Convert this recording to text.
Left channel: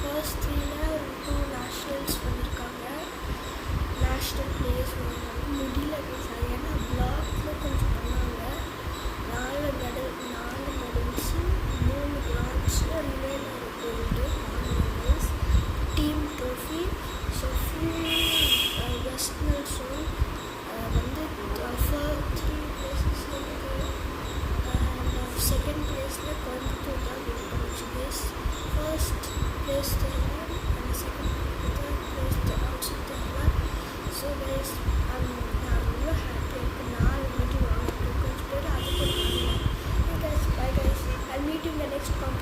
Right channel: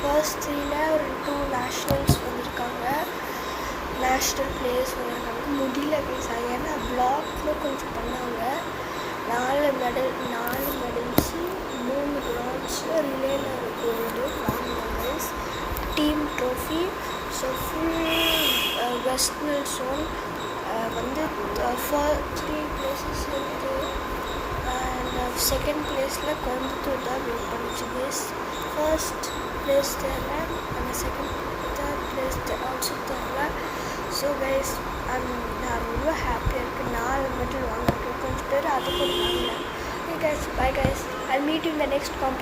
First த்ரீயில் ஒரு 2 nationals வந்திருக்காங்க, நேஷ்னல் பிளேயர்ஸ் வந்திருக்காங்க. முடியல ப்ளீஸ், அது ஏன்னா பிளாக்கில் கொஞ்சம் பண்ணாங்க. 4 மெடல்ஸு, 3 பிரான்ஸு, ரிலேல ஒரு gold, 4 medals, team trophy. So full western zone வந்து 3 பிளேசஸ் இருக்குது. அண்ட் செகண்ட் பிளேஸில் கோயம்புத்தூர் தான் வின் பண்ணிச்சு கேஸ். ஃபர்ஸ்ட் பிளேஸ் தெரியல, அந்த தேர்ட் பிளேஸ் ஆல்சோ தெரியல. ஸோ கைஸ் நான் ரொம்ப ஹாப்பியாக இருக்குது. 4 மெடல் வாங்கியிருக்கேன். கொஞ்சம் பேர் அது கூட வாங்கல. Guys bye guys, I meet in the next competition.